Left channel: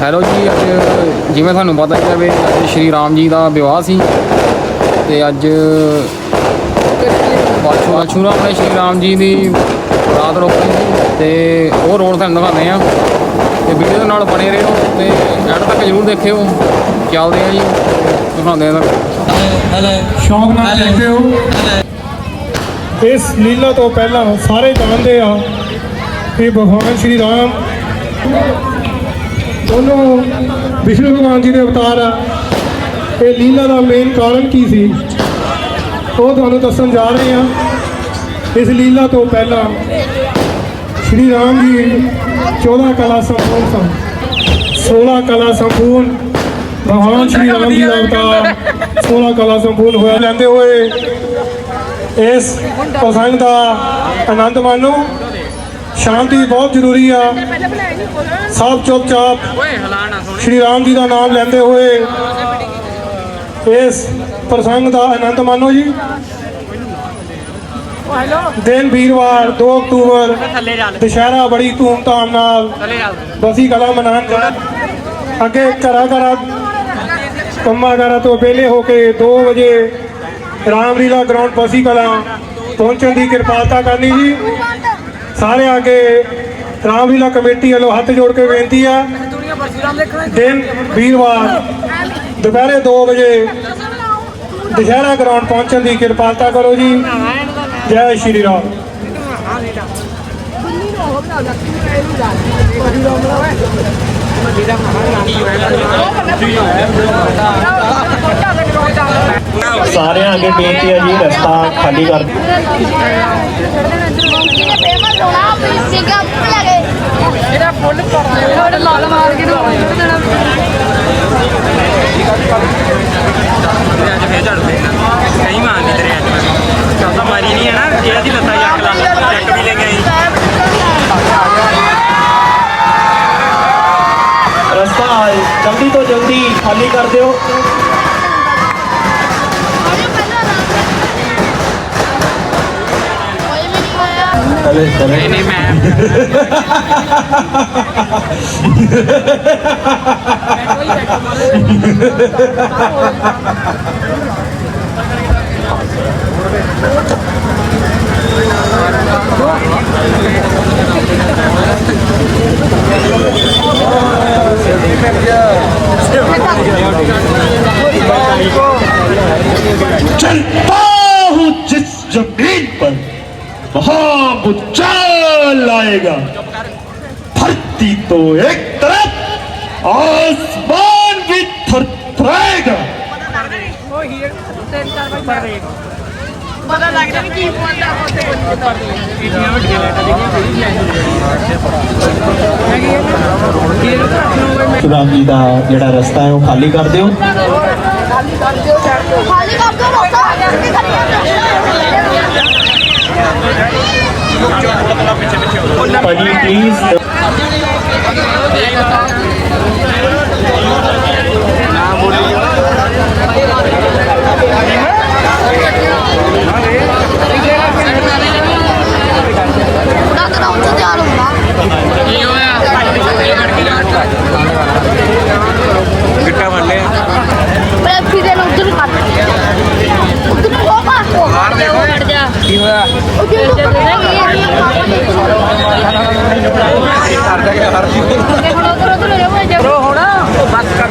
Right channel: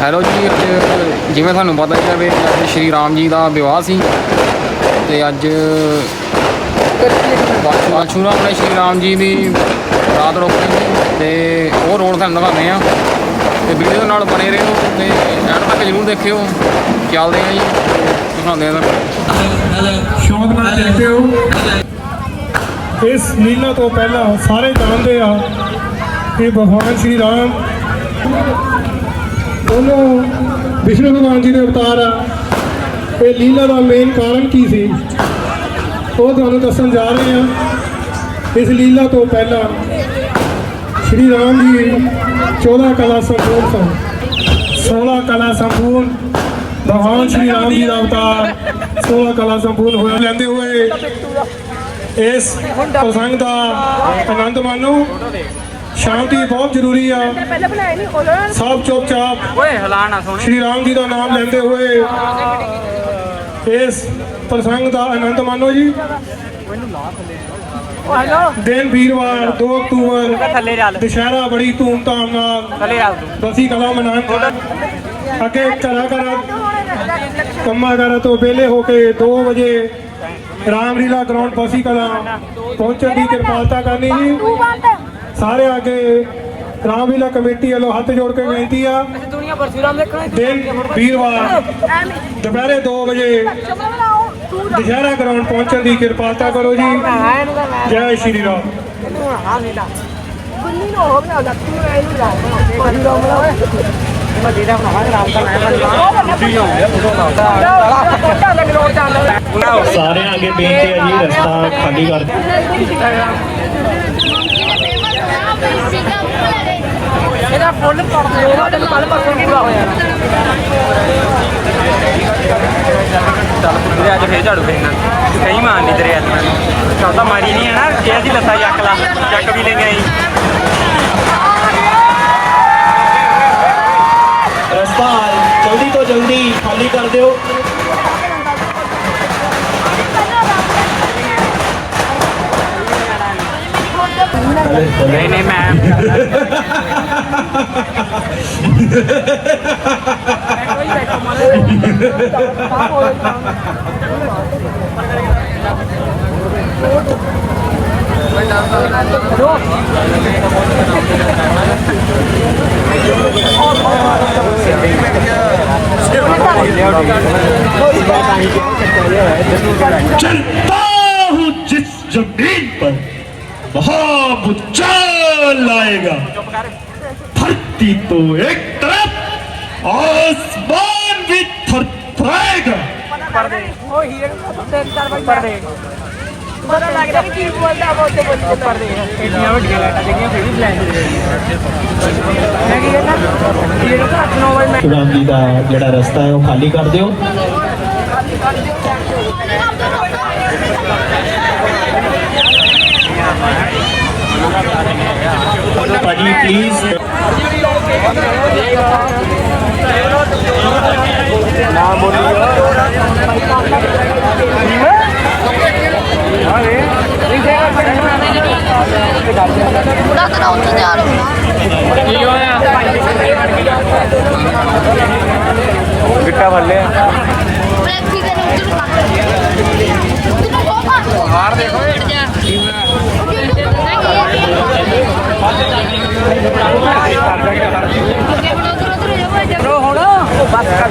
Hello ਜੀ, ਅੱਜ ਜਿਵੇਂ ਤੁਹਾਨੂੰ ਪਤਾ ਹੀ ਹੈ ਵੀ ਅੱਜ ਸ਼੍ਰੀ ਰਾਮ ਜੀ ਦਾ ਵਿਆਹ ਸੀ ਤੇ ਅੱਜ ਬਾਛੂਰਾ ਆਪਣੇ ਸ਼੍ਰੀ ਰਾਮ ਜੀ ਦੀ ਰਾਤ ਰੋਕਣੀ ਸੀ ਤੇ ਉਹ ਰੋਡ ਤੁਹਾਨੂੰ ਦਿਖਾਉਂਦੇ ਆ ਤੇ ਵੀਡੀਓ ਨਾਲ ਬਣੇ ਰਹੋ ਤੇ ਐਂਡ ਤੱਕ ਜ਼ਰੂਰ ਦੇਖਿਓ। ਚੱਲਦੇ ਆ ਜੀ, ਦਿਖਾਉਂਦੇ ਆ। ਸ਼ੌਕ ਨਾਲ ਦੇਖਦੇ ਹੋ। ਇਸ ਲੀਲਾ ਤੋਂ ਪਹਿਲਾਂ ਸਾਰੇ ਜਾਣਦੇ ਆ ਕਿ ਭਗਵਾਨ ਸ਼੍ਰੀ ਰਾਮ ਉਹਨੂੰ ਵਿਸ਼ਨੂੰ ਭਗਵਾਨ ਜੀ ਦੇ ਅਵਤਾਰ ਆ। ਇਹ ਲੀਲਾ ਦਾ ਮੇਨ ਕਾਰਨ ਕੀ ਸੀ ਉਹ ਤੁਹਾਨੂੰ ਦੱਸਣ ਜਾ ਰਹੇ ਹਾਂ। ਇਸ ਲੀਲਾ ਤੋਂ ਪਹਿਲਾਂ ਸ਼੍ਰੀ ਰਾਮ ਜੀ 14 ਕਲਾ ਸੰਪੂਰਨ ਸਨ। 16 ਕਲਾ ਸੰਪੂਰਨ ਭਗਵਾਨ ਸ਼੍ਰੀ ਰਾਮ ਜੀ ਦਾ ਅਵਤਾਰ 16 ਕਲਾ ਸੰਪੂਰਨ ਹੋਇਆ। ਲੈਂਦੇ ਹੋਏ ਇਸ ਪ੍ਰਸੰਗ ਦਾ ਆਨੰਦ ਮਾਣੋ। ਸ਼ਾਂਤੀ ਬਹੁਤ ਜ਼ਰੂਰੀ ਆ। ਸਭ ਚੁੱਪਚਾਪ ਸ਼੍ਰੀ ਰਾਮ ਜੀ ਦਾ ਨਾਮ ਲੈਂਦੇ ਹੋਏ ਇਸ ਪ੍ਰਸੰਗ ਦਾ ਆਨੰਦ ਮਾਣੋ ਜੀ। ਦਿਨ ਵੀਰਵਾਰ 2 ਅਕਤੂਬਰ ਦੁਸ਼ਹਿਰਾ ਬੜੀ ਧੂਮਧਾਮ ਨਾਲ ਬਸੀ ਕਲਾ ਮਨਾਉਣ। ਅੱਗੇ ਘਰਾਂ ਕੰਮਾਂ ਕਾਰਾਂ ਤੋਂ ਵਿਹਲੇ ਹੋ ਕੇ 2 ਵਜੇ ਰਾਮਲੀਲਾ ਗਰਾਊਂਡ ਬਸੀ ਕਲਾ ਪਹੁੰਚਣ ਦੀ ਕਿਰਪਾਲਤਾ ਕਰਨੀ ਜੀ। ਸਾਰੇ ਅੱਗੇ ਰਾਮਲੀਲਾ ਕਮੇਟੀ ਵੱਲੋਂ ਹੱਥ ਜੋੜ ਕੇ ਬੇਨਤੀ ਆ। ਦਿਨ ਵੀਰਵਾਰ ਦੁਪਹਿਰੇ 2 ਵਜੇ ਦੁਸ਼ਹਿਰਾ ਗਰਾਊਂਡ ਪਹੁੰਚਣ ਦੀ ਕਿਰਪਾਲਤਾ ਕਰੋ ਜੀ। ਜੈ ਸ਼੍ਰੀ ਰਾਮ। सारे आगे बेनती है जी, रास्ता खाली कर। रास्ता जल्दी तो जल्दी खाली कर दो। चलता हूँ जिस जमीन पर वहां भूचाल आएगा। धरती तो एक तरफ आसमान भी थरथराएगा। राम जी का जिहड़ा रास्ता है वो खाली कर दिओ। भाजी प्लीज ना बोलिए। पूरा ग्राउंड से तैयार होना गिट्टा भर ले हार देखो होना बस कर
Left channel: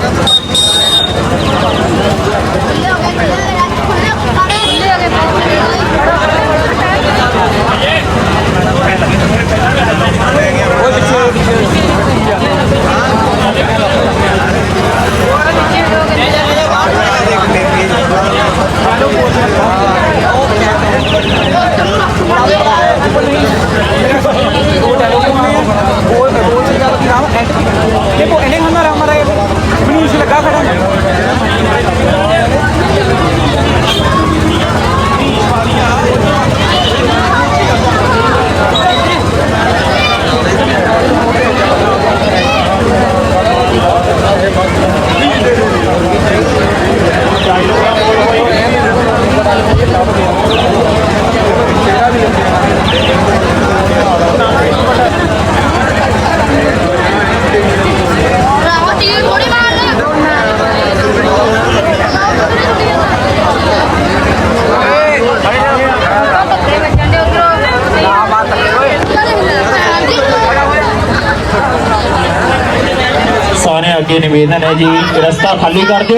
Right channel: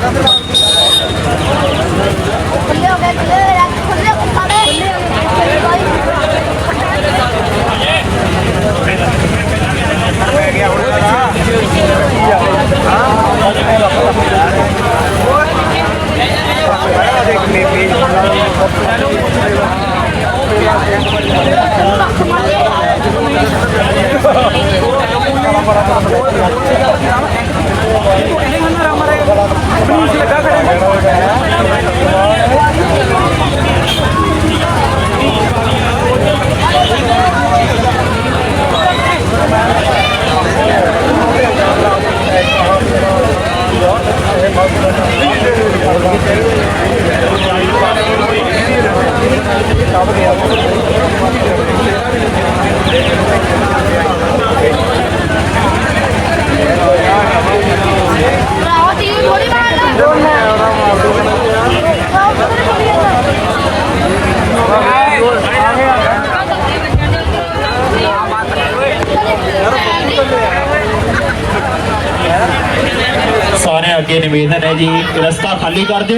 अगे निवेदन है जी रस्ता खाली कर दो।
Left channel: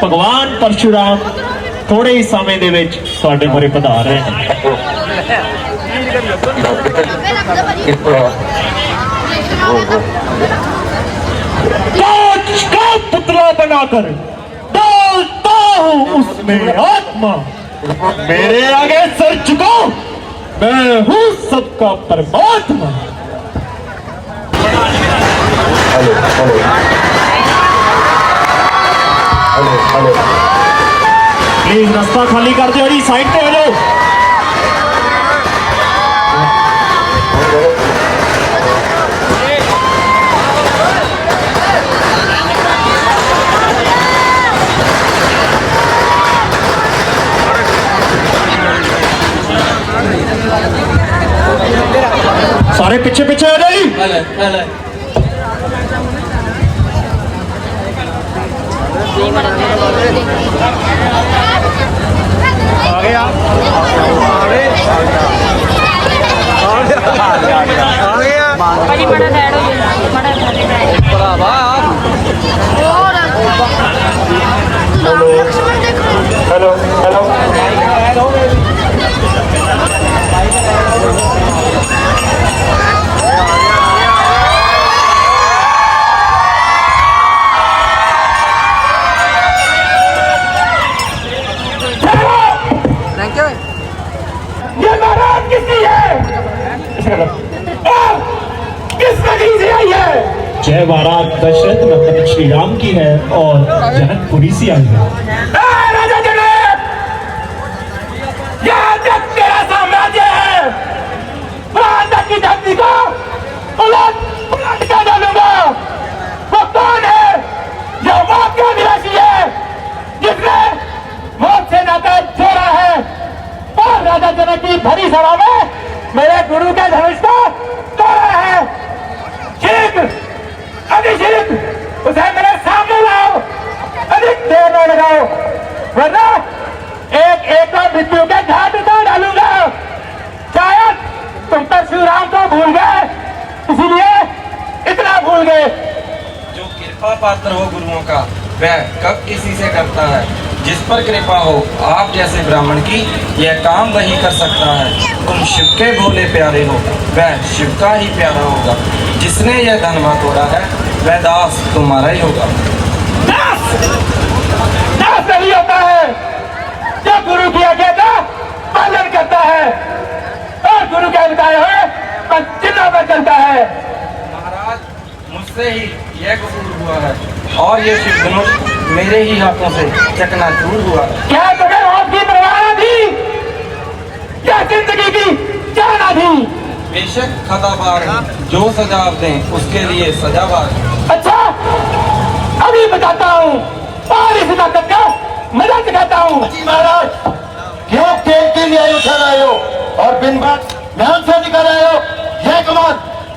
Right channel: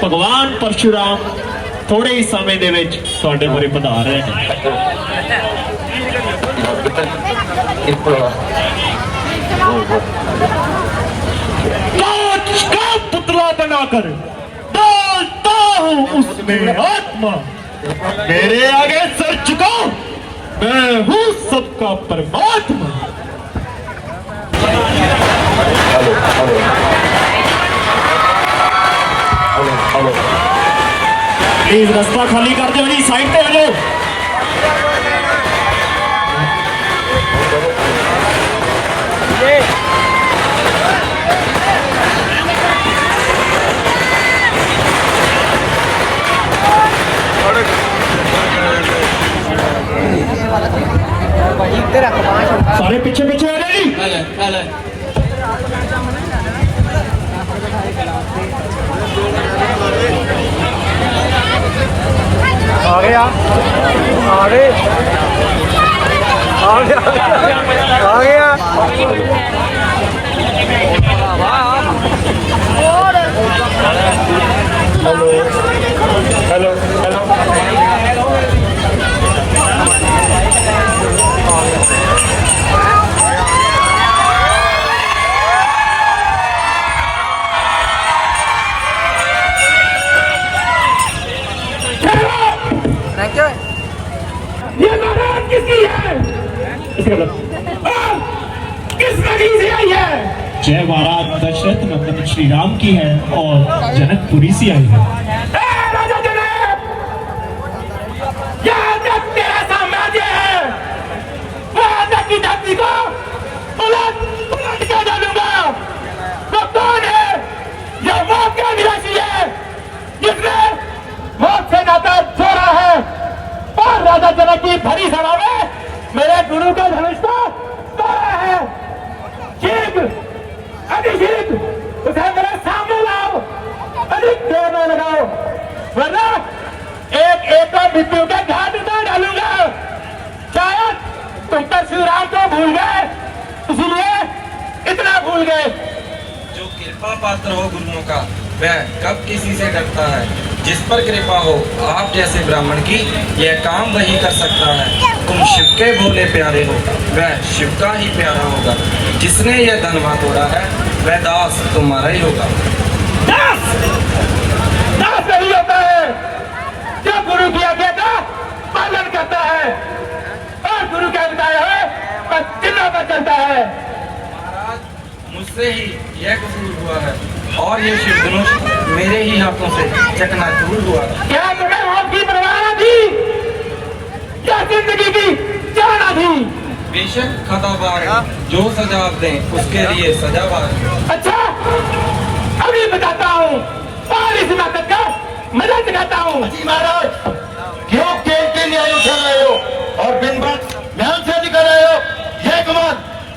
भगवान परशुराम थोड़े ही समय दे विच तुहाडे मोरे पधार रहे हैं। पुतला बनाकर डालता हूँ उसमें आत्मा, मेरे आगे सर झुकाओ, मैं हूँ सबका परमात्मा। प्लीज रास्ता खाली कर दो जी, साइड पे हो लो। सारे पीछे पीछे हो जाइए। और लक्ष्मण देखो। हेलो हेलो ये बारात किसकी है? किसने की से आई है? जय बारात दशरथ मतलब श्री राम की है और जनकपुरी से आई है। राजा जनक, यहाँ तक तेरा साम्राज्य है, वहाँ तक की धरती को उलट पुलट के डालूंगा। वो कौन है? ये वो क्यों निवासी है जिसने भोग से नाता जोड़ा है और राजा जनक की भरी सभा में मेरे गुरु के धनुष को तोड़ा है। ठीक अभिषेक उसे मेरे सामने लाओ, अधिक देर न लगाओ, वरना एक एक मृत्यु के घाट को डालूंगा। शायद तुम तो श्री राम को भूल गए, इसीलिए इतना भूल गए। जो कृपा पात्र हो गुरुओं का वह कब किसी से करता है। जिस पर कृपा हो आप जैसे ब्राह्मण की यह काम वही कर सकता है। तुम शिव के भोले प्यारे हो, वह शिव का ही प्यारा होगा। जिसने यह धर्म तोड़ा है वह दास तुम्हारा ही होगा। दास दास नहीं होता है जो गुरु की आज्ञा का पालन करता है और गुरु के बताए हुए पर चिन्हों पर चलता है। महाराज मुझसे ही यह कबूल हुआ है और ये शिव धनुष मेरे ही हाथों से चकनाचूर हुआ है। क्या तुम्हें मौत की परवाह न थी? क्या जिंदगी की चाहना थी? बेशक खताबार जो सजा आप दें उसके लिए सजावार। अच्छा अभी बताता हूँ और इस वक्त का मजा दिखाता हूँ। महाराज क्यों खेल के लिए उठा रहे हो और दिन भर ध्यान से दिखा रहे हो? यह कमाल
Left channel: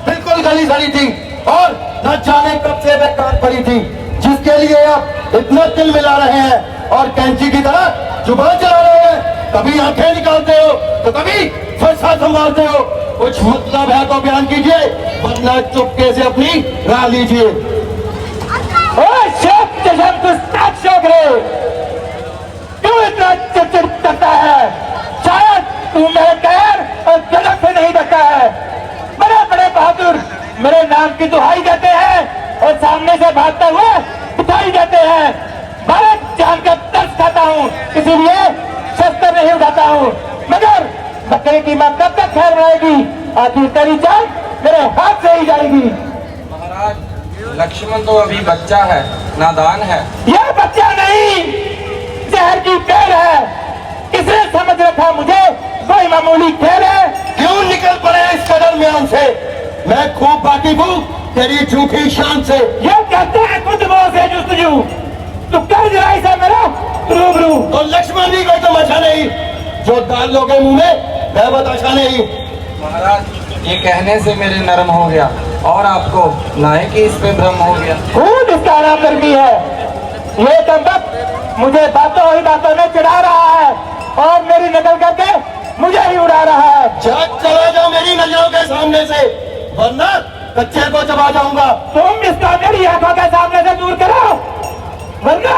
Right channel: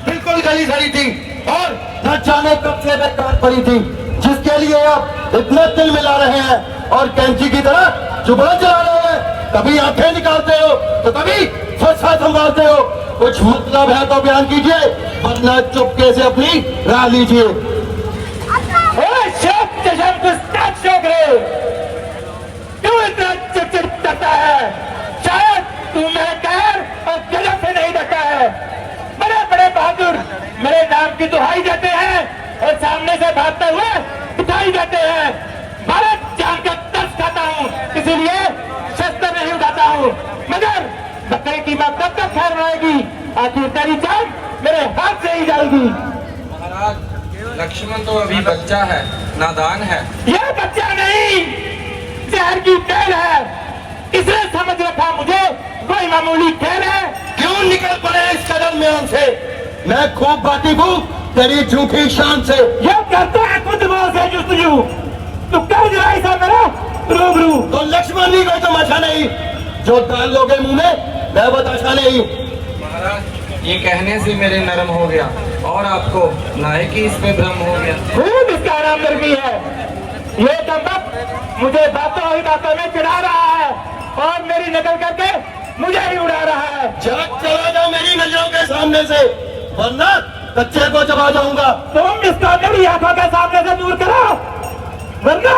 बिल्कुल गली सड़ी थी और न जाने कब से बेकार पड़ी थी, जिसके लिए आप इतना तिल मिला रहे हैं और कैंची की तरह जुबान चला रहे हैं। कभी आंखें निकालते हो तो कभी फरसा संभालते हो। कुछ मतलब है तो बयान कीजिए, वरना चुपके से अपनी राह लीजिए। क्यों इतना चिड़चिड़ करता है? शायद तू मेरे कहर और जलक से नहीं डरता है। बड़े बड़े बहादुर मेरे नाम की दुहाई देते हैं और सामने से भागते हुए दिखाई देते हैं। भारत जान कर तरस खाता हूँ, इसीलिए शस्त्र नहीं उठाता हूँ। मगर बकरे की मां कब तक खैर रहेगी? आखिर तेरी जान मेरे हाथ से ही जाएगी। महाराज लक्ष्मण तो अभी बच्चा है, नादान है। यह बच्चा नहीं, जहर की पेड़ है। इसने समझ रखा मुझे कोई मामूली खेल है। क्यों निकल पड़े इस कदर म्यान से? मैं खूब वाकिफ हूँ तेरी झूठी शान से। ये कहते हैं कुछ मोह से जुस्तजू, तू कर जरा ऐसा मेरा रूबरू। तो लक्ष्मण भी कोई तमाशा नहीं, जो डाल लोगे मुंह में मैं बताशा नहीं। महाराज ये कहने से मेरे नरम हो गया और आपको नायक ही इस पे भ्रम हो गया। खूब इसका आराम करती है। ये दम्बक मुझे बातों ही बातों में चिढ़ा रहा है और मेरी नकल करके मुझे ही उड़ा रहा है। जग चले जाओ मेरी नजरों के सामने से, वरना कच्चे को चबा जाऊंगा। तुम इसका मेरी आंखों के सामने से दूर करो, वरना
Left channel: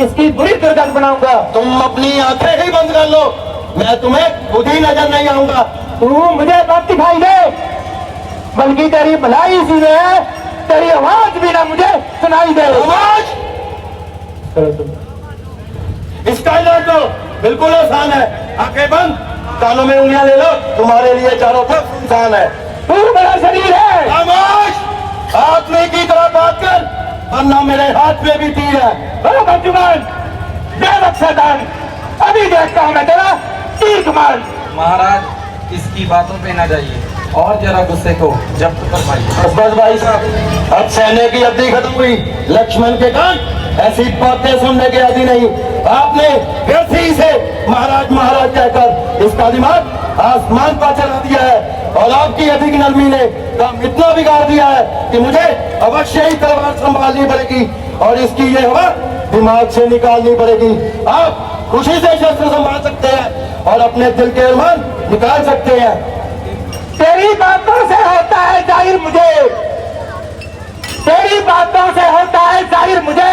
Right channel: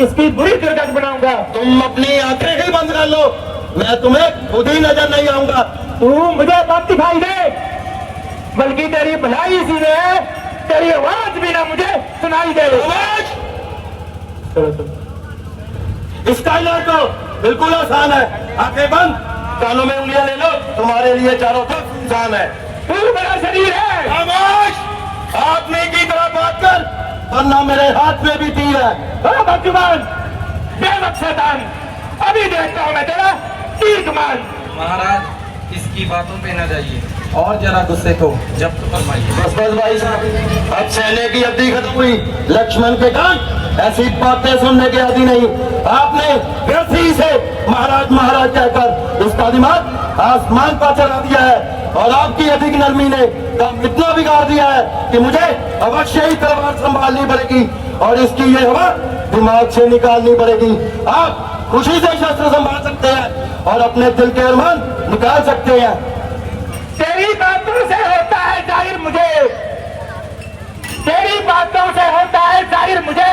इसकी बुरी दुर्गंध बनाऊंगा। तुम अपनी आंखें ही बंद कर लो, मैं तुम्हें खुद ही नजर नहीं आऊंगा। तू मुझे मत दिखाई दे, बल्कि तेरी भलाई इसी में है, तेरी आवाज भी ना मुझे सुनाई दे। आवाज इसका इलाज तो बिल्कुल आसान है। आंखें बंद, कानों में उंगलियां ले लो, तुम्हारे लिए चारों तरफ सुनसान है। तू बड़ा शरीर है। खामोश, आदमी की तरह बात कर, वरना मेरे हाथ में भी तीर है। ओ भगवान, बेवक शैतान, अभी देखता हूं मैं तेरा तीर कमाल। महाराज इसकी बातों पे न जाइए और जरा गुस्से को जब्त फरमाइए। बस बस भाई साहब, अब सहने की अवधि खत्म हुई। लक्ष्मण के कान ऐसी बातें सुनने के आदि नहीं। आपने व्यर्थ ही से महाराज महाराज कहकर इसका दिमाग आसमान पर चला दिया है, और आपकी अधिक नरमी ने काम इतना बिगाड़ दिया है कि मुझे अवश्य ही तलवार संभालनी पड़ेगी और इसकी ये हवा दिमाग से निकालनी पड़ेगी। आप खुशी से शस्त्र संभाल सकते हैं और अपने दिल के अरमान निकाल सकते हैं। तेरी बातों से होता है जाहिर मुझे, तेरी बातों से होता है जाहिर मुझे,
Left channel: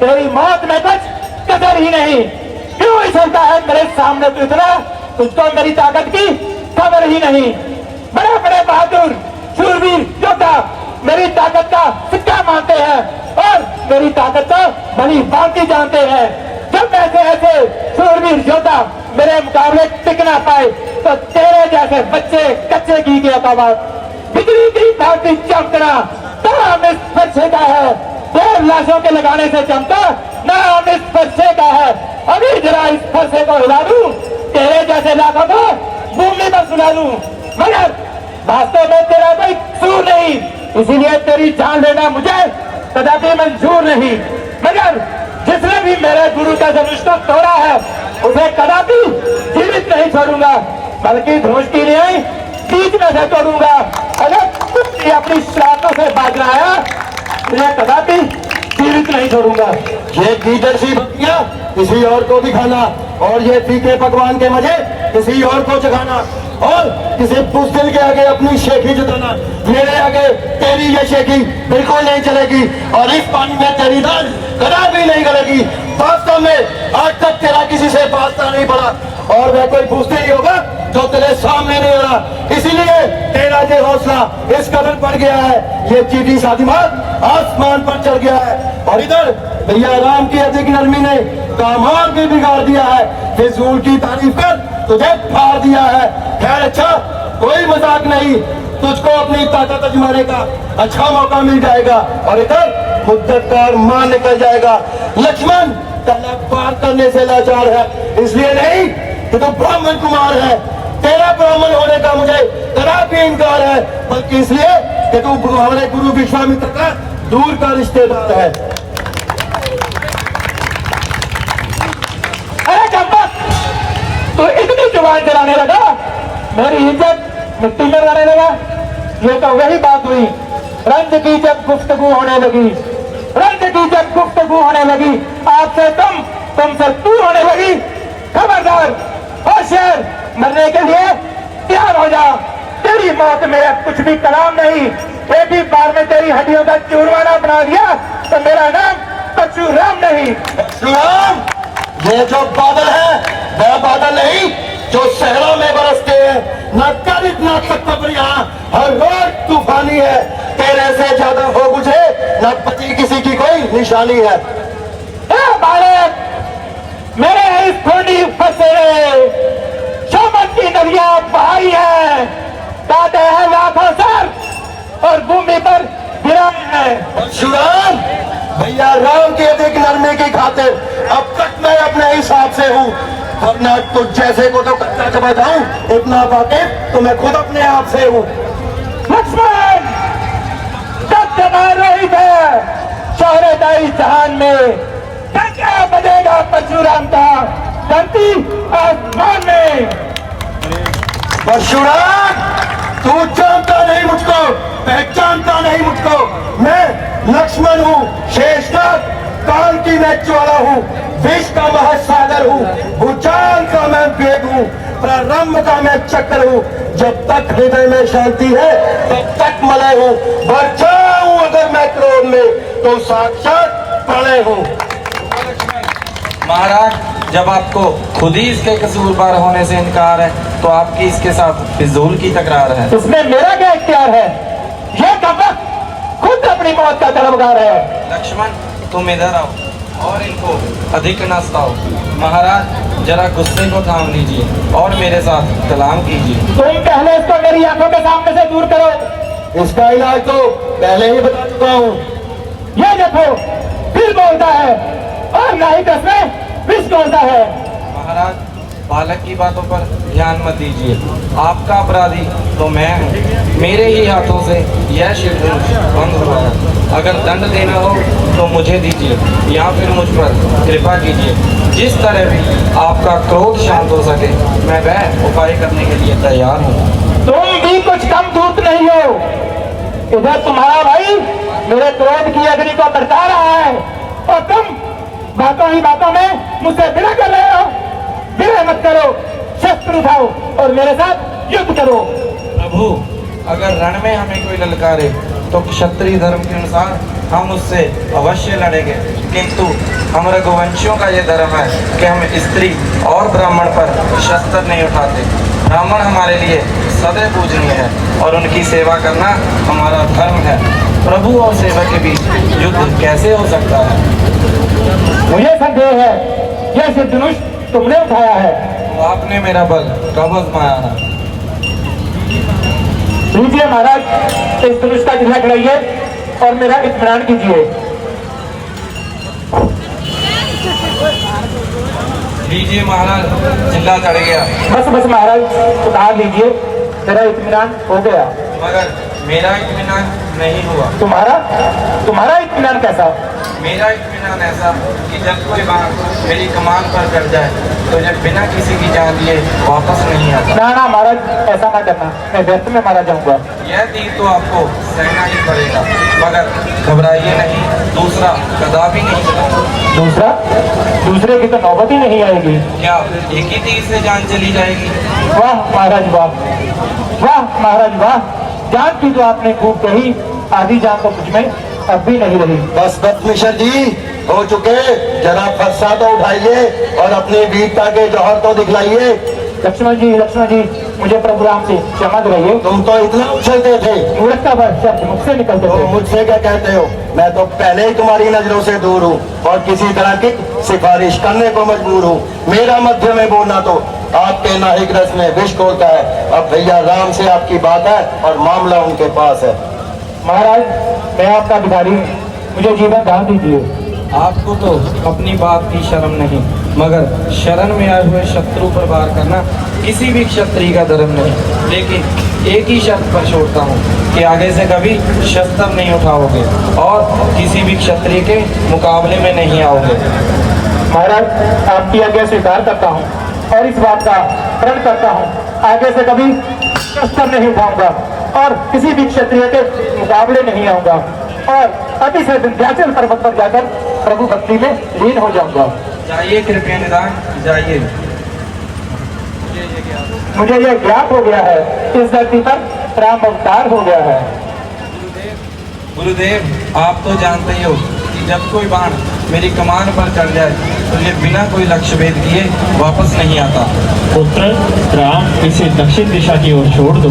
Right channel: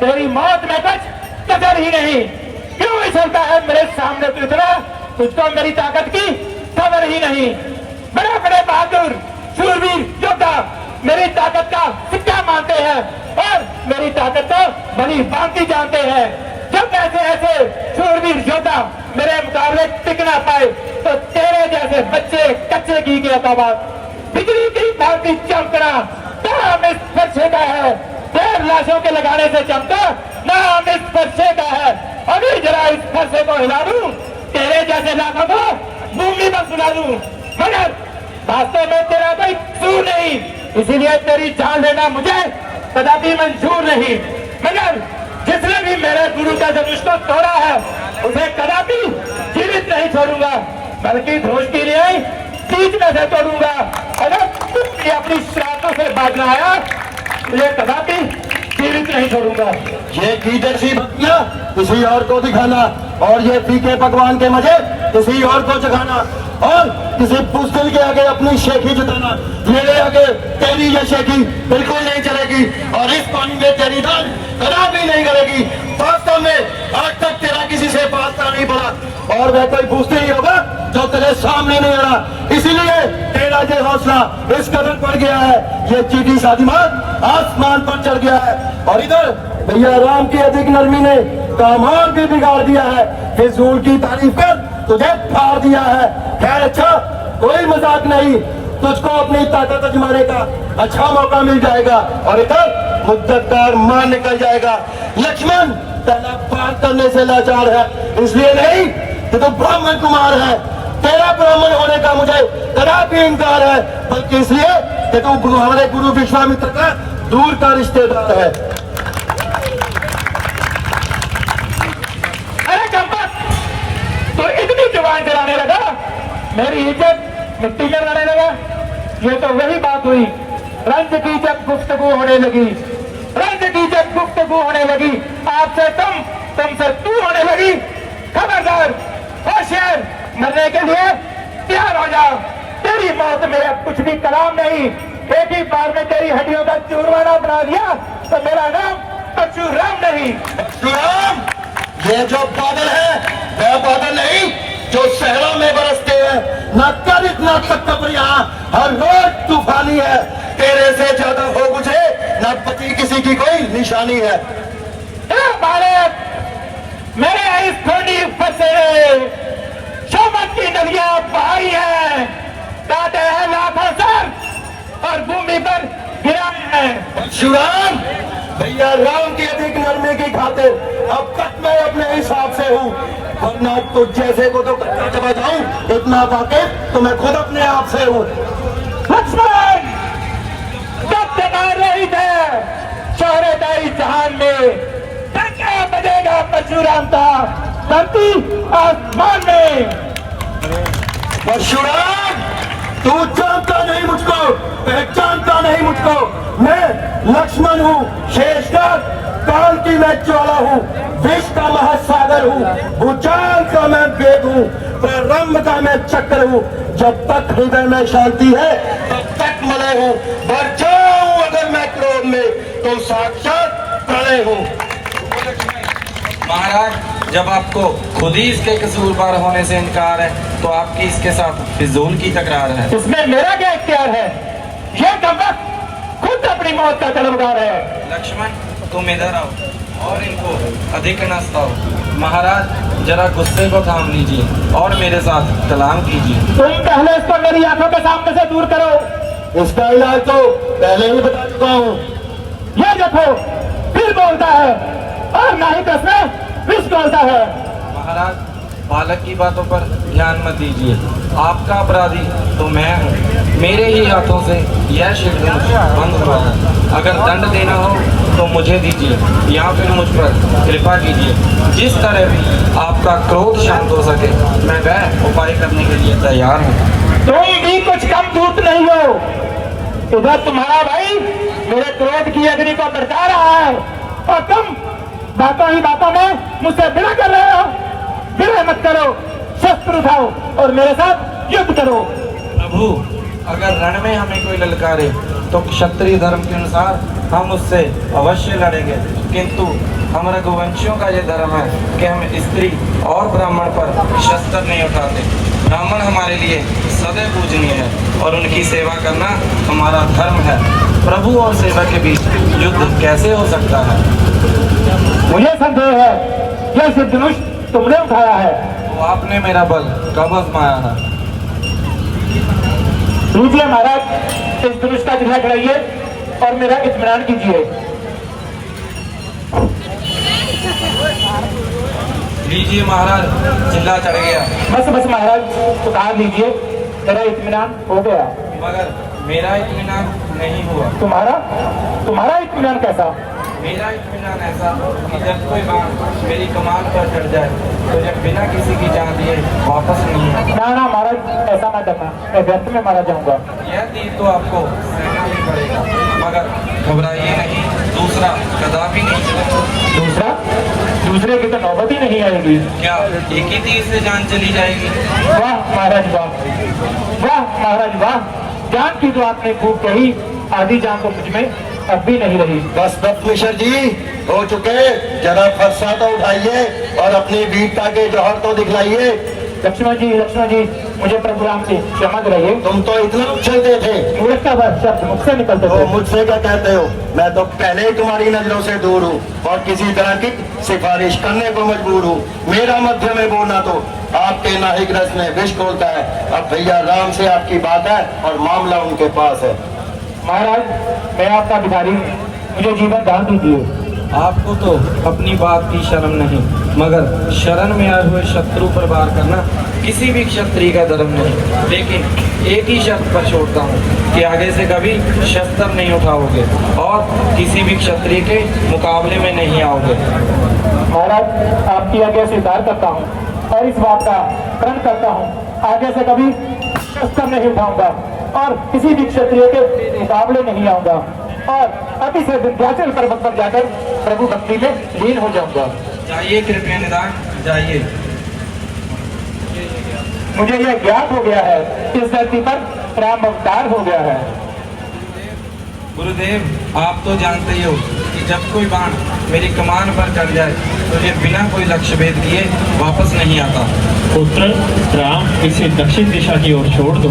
तेरी मौत में कुछ कदर ही नहीं। क्यों चलता है मेरे सामने तू इतना, तुझको मेरी ताकत की खबर ही नहीं। बड़े बड़े बहादुर शूरवीर योद्धा मेरी ताकत का सिक्का मानते हैं और मेरी ताकत को भली भांति जानते हैं। जब ऐसे ऐसे शूरवीर योद्धा मेरे मुकाबले टिक ना पाए तो तेरे जैसे बच्चे कच्चे घी के अकाबाद बिजली की भांति चमकना नाम इस फरसे का है। देव लाशों के लगाने से चमका नाम इस फरसे का है। अभी जरा इस फरसे को हिला दूं, तेरे जैसे लाखों को भूमि पर सुना दूं, मगर वास्तव में तेरा कोई कसूर नहीं, इसीलिए तेरी जान लेना मुझे कदापि मंजूर नहीं। मगर जिसने भी मेरे गुरु का धनुष को तोड़ा है उसे कदापि जीवित नहीं छोड़ूंगा, बल्कि धनुष की रिहाई बीच में से तोड़ूंगा। अगर तुम अपनी शरारतों से भाग रहा है ये कदापि जीवित नहीं छोड़ूंगा। ये गीदड़ सी बत्तियां किसी और को दिखाना और ये फीके पकवान के मजे किसी और को चखाना और किसी पुस्तक के आगे अपनी शेखी जताना, मेरे आगे तेरी ये शेखी बिल्कुल नहीं चलेगी और इस पानी में तेरी दाल कदापि नहीं गलेगी। वास्तव में आज तक तेरा किसी से वास्ता नहीं पड़ा और वह कोई पूछते ही होगा जो तेरे सामने नहीं आ रहा, इसीलिए तेरा ये हौसला इस कदर बढ़ गया है, ये चीटी सा दिमाग आसमान पर चढ़ गया है। और इधर भैया राम की अधिक नरमी ने काम और भी बिगाड़ दिया है, फिजूल की तारीफ कर तुझे फाड़ दिया है। खैर अच्छा, कोई मजाक नहीं, तुझको अपनी ताकत आजमाने का अच्छा मौका मिल जाएगा और इधर मुद्दत का अरमान निकल जाएगा। लक्ष्मण तेरा पार करने से लाचार है, इसलिए नहीं कि तू ब्राह्मण कुमार है, तेरा ब्राह्मण होने का मुझे कदापि इनकार है, बल्कि इसलिए कि तू हमारे गुरु विश्वामित्र का दूर का रिश्तेदार है। अरे चंपक, तू इतनी जुबान चलाने लगा, मेरी इज्जत मिट्टी में रहने लगा। ये तो वही बात हुई, रंज की जब गुफ्तगू होने लगी, रंज की जब गुफ्तगू होने लगी, आपसे तुमसे तू होने लगी। खबरदार होशियार, मरने के लिए तैयार हो जा, तेरी मौत मेरा कुछ भी कलाम नहीं। एक ही बार में तेरी हड्डियों का चूरमाना बना दिया तो मेरा नाम परशुराम नहीं। परशुराम, ये जो बादल है वह बादल नहीं जो शहरों में बरसते हैं, न कर इतना तक यहाँ हर रोज तूफानी है, तेरे से ज्यादा हो मुझे न बची किसी की कोई निशानी है। बालक, मेरे इस थोड़ी फंसे शोमत की नदियां बहाई है, कहते हैं लाखों सर और भूमि पर गिराए हैं। परशुराम, भैया राम के अधिक नरमी की खातिर अब तक मैं अपने हिसाब से हूँ, वरना तुझ जैसे को तो कच्चा चबाता हूँ, इतना बाकी तो मैं खुद अपने आप से हूँ। लक्ष्मण, सत्य मार रही है शौर्यदायी जहान में, क्या बजेगा परशुराम का धरती आसमान में। परशुराम, तू जानता नहीं मुझको, पहचानता नहीं मुझको, मैं लक्ष्मण हूँ, शेषनाग, काल की मैं ज्वाला हूँ, विष का महासागर हूँ, भूचाल का मैं वेग हूँ, प्रारंभ का मैं चक्र हूँ। जब तक हृदय में शांति है तब तक मलय हूँ, क्रोध में तो साक्षात प्रलय हो। महाराज, जब आपको खुद ही इसके कसूरवार होने से इनकार है तो आपकी इसके साथ फिजूल की तकरार है। इसमें मेरा क्या इख्तियार है? ये कमबख्त खुद अपनी मौत का तलबगार है। लक्ष्मण, तुम इधर आओ और इनको अधिक न सताओ। महाराज, जरा गुस्से को थाम लीजिए और मेरे साथ कलाम कीजिए। तुम पहले इसको मेरी आंखों के सामने से दूर करो। इसका इलाज तो पहले ही बता चुका हूँ। ये देखो, फिर बोलता है और ना ही कसमें फिर बोलता है। महाराज, बालक की बातों पर ध्यान मत दीजिए। आपका अपराधी तो मैं हूँ। मेरे ही हाथों से यह शिवधनुष बंद हुआ है। अगर दंड देना हो तो मुझे दीजिए या फिर मुझ पर कृपा कीजिए। जिस तरह भी आपका क्रोध शांत हो सके मैं वह उपाय करने के लिए तैयार हूँ। तुम भी कुछ कम दूत नहीं हो। इधर तुम्हारा भाई मेरे क्रोध की अग्नि को बरसा रहा है और तुम बातों ही बातों में मुझसे विनय कर रहे हो। विनय मत करो, शस्त्र उठाओ और मेरे साथ युद्ध करो। प्रभु, अगर रण में हमें कोई ललकारे तो क्षत्रिय धर्म के अनुसार हम उससे अवश्य लड़ेंगे, किंतु हम रघुवंशियों का ये धर्म है कि हम स्त्री और ब्राह्मण पर शस्त्र नहीं उठाते। ब्राह्मण हमारे लिए सदैव पूजनीय है और उनकी सेवा करना हमारा धर्म है। प्रभु और सेवा के बीच युद्ध कैसे हो सकता है? मुझे संदेह है यह सिद्धनुष तुमने उठाया है। आपने मेरा बल कब आजमाया है? लीजिए महाराज, इस धनुष का जिला खड़ाइए और मेरा इत्मीनान कीजिए। लीजिए महाराज, जिला चढ़ गया। बस बस महाराज, उतार लीजिए, मेरा इत्मीनान हो गया। मगर मेरा इत्मीनान नहीं हुआ। तुम्हारा इत्मीनान कैसा? मेरा इत्मीनान ऐसा कि जब कोई बाण मेरी कमान पर चढ़ जाए तो जब बिना किसी की जान लिए वापस नहीं आता। ना ना महाराज, ऐसा ना करना, मैं व्यर्थ में मारा जाऊंगा। यह तीर तो आपको सहना ही पड़ेगा, मगर घबराइए नहीं, दूसरा कदापि नहीं चलाऊंगा। दूसरे की तो नौबत ही नहीं आएगी। क्या एक ही तीर से जान चली जाएगी? वाह महाराज वाह, वाह महाराज वाह। जान की तो आपने खूब कही, आधी जान तो मुझ में अब भी नहीं रही। बस मिश्र जी हो चुके, जरा फरसा तो उठाइए और अपनी वीरता के जौहर तो दिखलाइए। लक्ष्मण जी, मुझे प्रभु राम से क्षमा कराइए। तुम तो इतना उछलते थे। मूर्ख का शब्द मुझसे निकलते तो थे। मुझसे क्या कहते हो? मैं तो पहले ही तुम्हारी नजरों से दूर हूँ और किसी तरह की सिफारिश करने को मजबूर हूँ। मेरा मध्य में बोलना तो आपके नाहिक रस में विष घोलता है। अब भैया राम से आपकी बात है और मामला उनके पास है। महाराज, मैं आपका भिखारी हूँ, मुझे जीवन दान दीजिए। आपको तो अपनी बात की शर्म नहीं, मगर शरण में आए हुए शत्रु पर वार करना किसी भी क्षत्रिय का धर्म नहीं। लेकिन एक ही शर्त पर छोड़ता हूँ कि आगे से कभी शस्त्र नहीं उठाओगे और किसी भी क्षत्रिय के मुकाबले में नहीं आओगे। महाराज, आपकी आज्ञा स्वीकार करता हूँ और इस बात का प्रण करता हूँ, आगे से कभी शस्त्र नहीं उठाऊंगा और किसी भी क्षत्रिय के मुकाबले नहीं आऊंगा और अतिशय विंध्याचल पर्वत पर जाकर प्रभु भक्ति में लीन हो जाऊंगा। जाइए कृपया निदान, जाइए। मुझे यह ज्ञात हो गया है, इस धरती पर राम अवतार हो गया है। गुरुदेव, आप तो जानते ही हो कि जब कोई बाण मेरी कमान पर चढ़ जाए तो ये बिना कोई लक्ष्य भेद किए वापस नहीं आता। पुत्र राम, इसे दक्षिण दिशा की ओर छोड़ दो।